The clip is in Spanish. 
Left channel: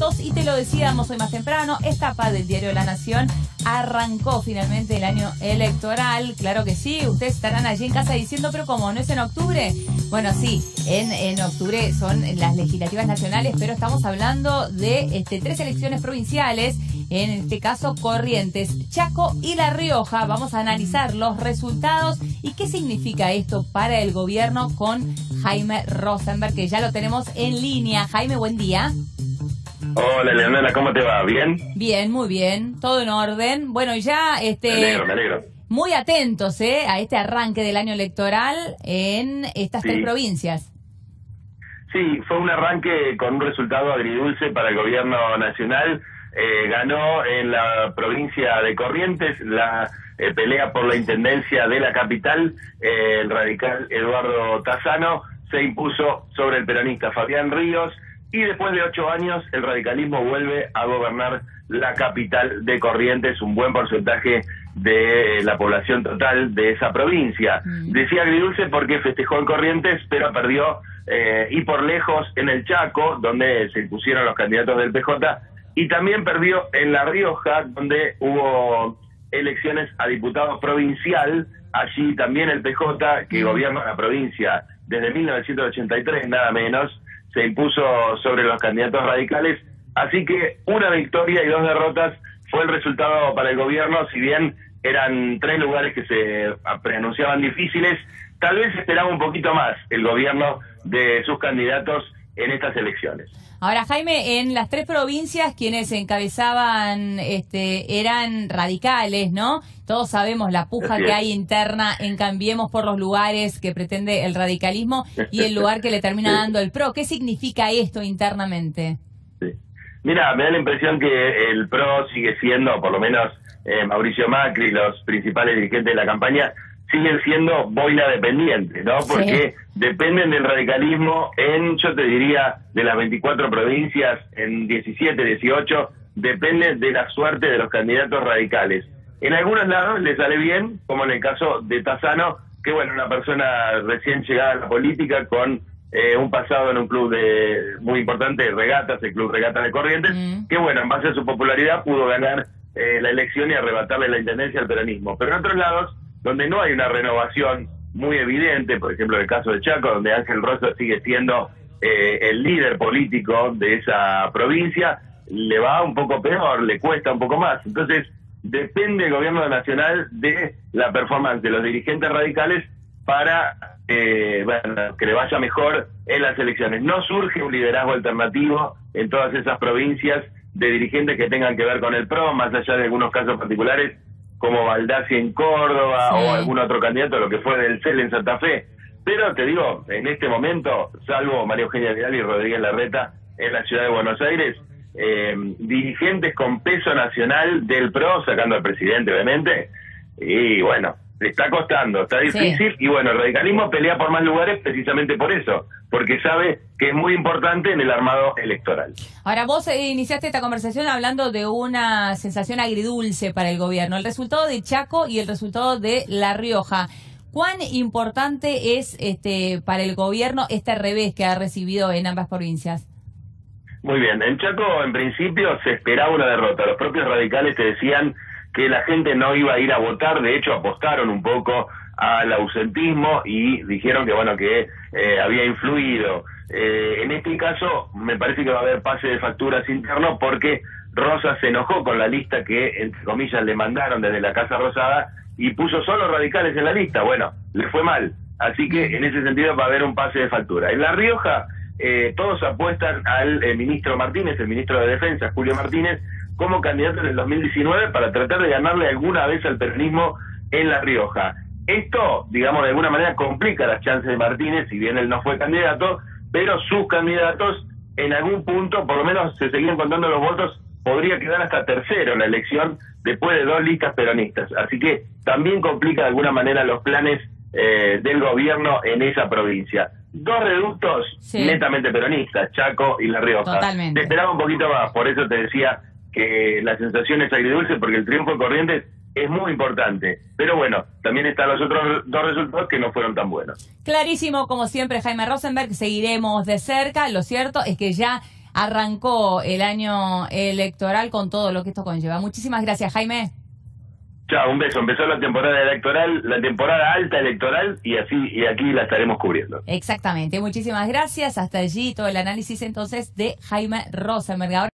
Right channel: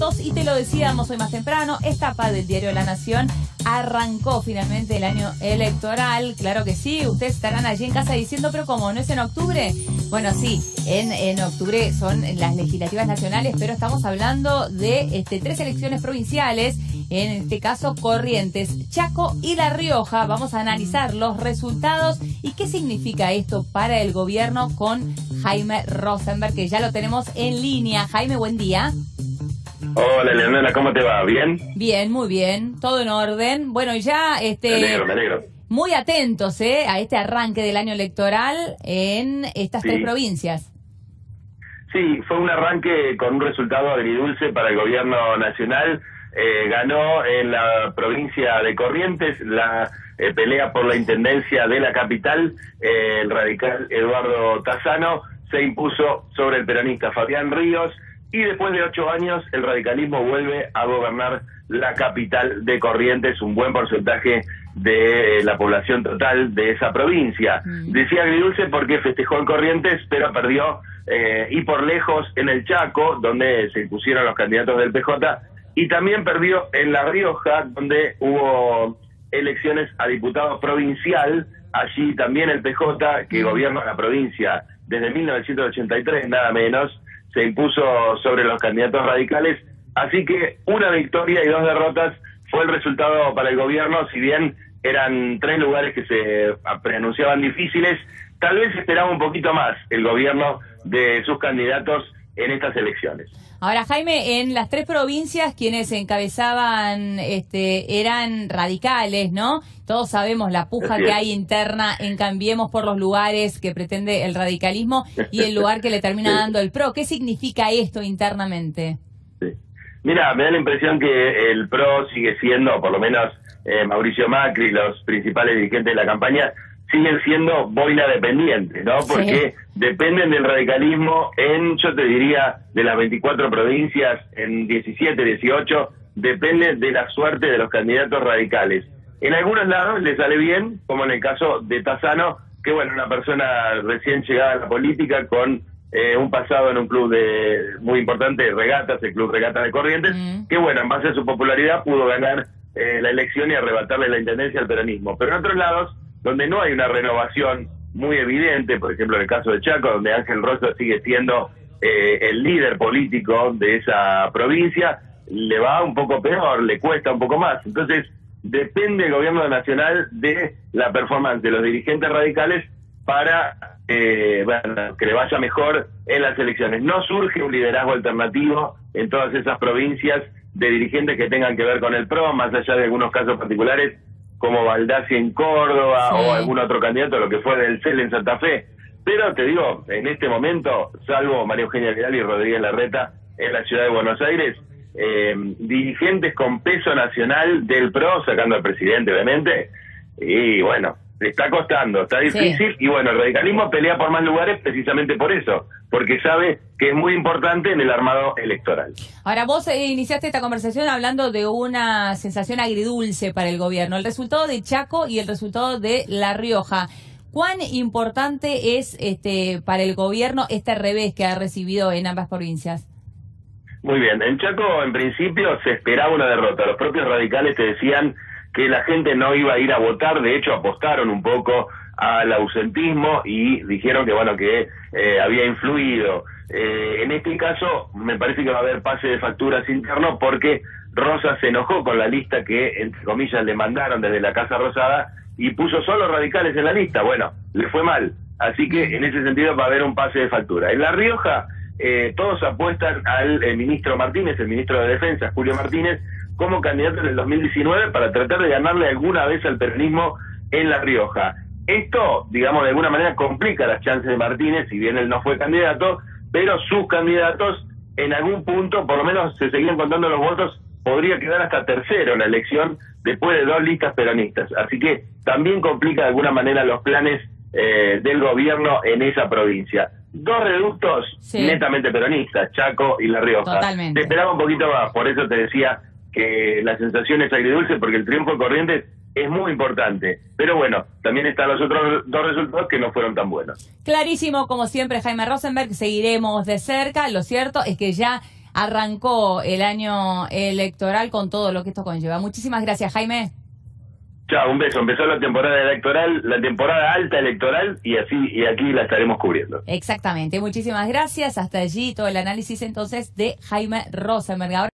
datos y te lo decíamos hoy más temprano, esta tapa del diario La Nación arrancó finalmente el año electoral. Claro que sí, ustedes estarán allí en casa diciendo, pero ¿cómo? ¿No es en octubre? Bueno, sí, en octubre son las legislativas nacionales, pero estamos hablando de 3 elecciones provinciales, en este caso Corrientes, Chaco y La Rioja. Vamos a analizar los resultados y qué significa esto para el gobierno con Jaime Rosenberg, que ya lo tenemos en línea. Jaime, buen día. Hola, Leonela, ¿cómo te va? ¿Bien? Bien, muy bien, todo en orden. Bueno, ya Me alegro. muy atentos a este arranque del año electoral en estas 3 provincias. Sí, fue un arranque con un resultado agridulce para el gobierno nacional. Ganó en la provincia de Corrientes la pelea por la intendencia de la capital. El radical Eduardo Tassano se impuso sobre el peronista Fabián Ríos. Y después de 8 años, el radicalismo vuelve a gobernar la capital de Corrientes, un buen porcentaje de la población total de esa provincia. Decía agridulce porque festejó en Corrientes, pero perdió y por lejos en el Chaco, donde se impusieron los candidatos del PJ, y también perdió en La Rioja, donde hubo elecciones a diputado provincial. Allí también el PJ, que gobierna la provincia desde 1983, nada menos, se impuso sobre los candidatos radicales, así que una victoria y 2 derrotas fue el resultado para el gobierno. Si bien eran 3 lugares que se preanunciaban difíciles, tal vez esperaba un poquito más el gobierno de sus candidatos en estas elecciones. Ahora, Jaime, en las 3 provincias quienes encabezaban eran radicales, ¿no? Todos sabemos la puja que hay interna en Cambiemos por los lugares que pretende el radicalismo y el lugar que le termina dando el PRO. ¿Qué significa esto internamente? Sí. Mira, me da la impresión que el PRO sigue siendo, por lo menos Mauricio Macri, los principales dirigentes de la campaña, siguen siendo boina dependientes, ¿no? Porque dependen del radicalismo en, yo te diría, de las 24 provincias, en 17, 18, depende de la suerte de los candidatos radicales. En algunos lados les sale bien, como en el caso de Tassano, que bueno, una persona recién llegada a la política con un pasado en un club muy importante, Regatas, el Club Regatas de Corrientes, que bueno, en base a su popularidad pudo ganar la elección y arrebatarle la intendencia al peronismo. Pero en otros lados, donde no hay una renovación muy evidente, por ejemplo en el caso de Chaco, donde Ángel Rosas sigue siendo el líder político de esa provincia, le va un poco peor, le cuesta un poco más. Entonces, depende el gobierno nacional de la performance de los dirigentes radicales para que le vaya mejor en las elecciones. No surge un liderazgo alternativo en todas esas provincias de dirigentes que tengan que ver con el PRO, más allá de algunos casos particulares, como Baldassi en Córdoba o algún otro candidato, lo que fue del CEL en Santa Fe. Pero te digo, en este momento, salvo María Eugenia Vidal y Rodríguez Larreta en la ciudad de Buenos Aires, dirigentes con peso nacional del PRO, sacando al presidente, obviamente, y bueno, está costando, está difícil, y bueno, el radicalismo pelea por más lugares precisamente por eso, porque sabe que es muy importante en el armado electoral. Ahora, vos iniciaste esta conversación hablando de una sensación agridulce para el gobierno, el resultado de Chaco y el resultado de La Rioja. ¿Cuán importante es para el gobierno este revés que ha recibido en ambas provincias? Muy bien, en Chaco en principio se esperaba una derrota. Los propios radicales te decían que la gente no iba a ir a votar, de hecho apostaron un poco al ausentismo y dijeron que bueno, que había influido. En este caso me parece que va a haber pase de facturas interno porque Rosas se enojó con la lista que, entre comillas, le mandaron desde la Casa Rosada y puso solo radicales en la lista. Bueno, le fue mal, así que en ese sentido va a haber un pase de factura. En La Rioja todos apuestan al ministro Martínez, el ministro de Defensa, Julio Martínez, como candidato en el 2019 para tratar de ganarle alguna vez al peronismo en La Rioja. Esto, digamos, de alguna manera complica las chances de Martínez, si bien él no fue candidato, pero sus candidatos en algún punto, por lo menos se seguían contando los votos, podría quedar hasta tercero en la elección después de 2 listas peronistas. Así que también complica de alguna manera los planes del gobierno en esa provincia. 2 reductos netamente peronistas, Chaco y La Rioja. Totalmente. Te esperaba un poquito más, por eso te decía que la sensación es agridulce, porque el triunfo de Corrientes es muy importante. Pero bueno, también están los otros 2 resultados que no fueron tan buenos. Clarísimo, como siempre, Jaime Rosenberg, seguiremos de cerca. Lo cierto es que ya arrancó el año electoral con todo lo que esto conlleva. Muchísimas gracias, Jaime. Chao, un beso. Empezó la temporada electoral, la temporada alta electoral, y aquí la estaremos cubriendo. Exactamente. Muchísimas gracias. Hasta allí todo el análisis entonces de Jaime Rosenberg. Ahora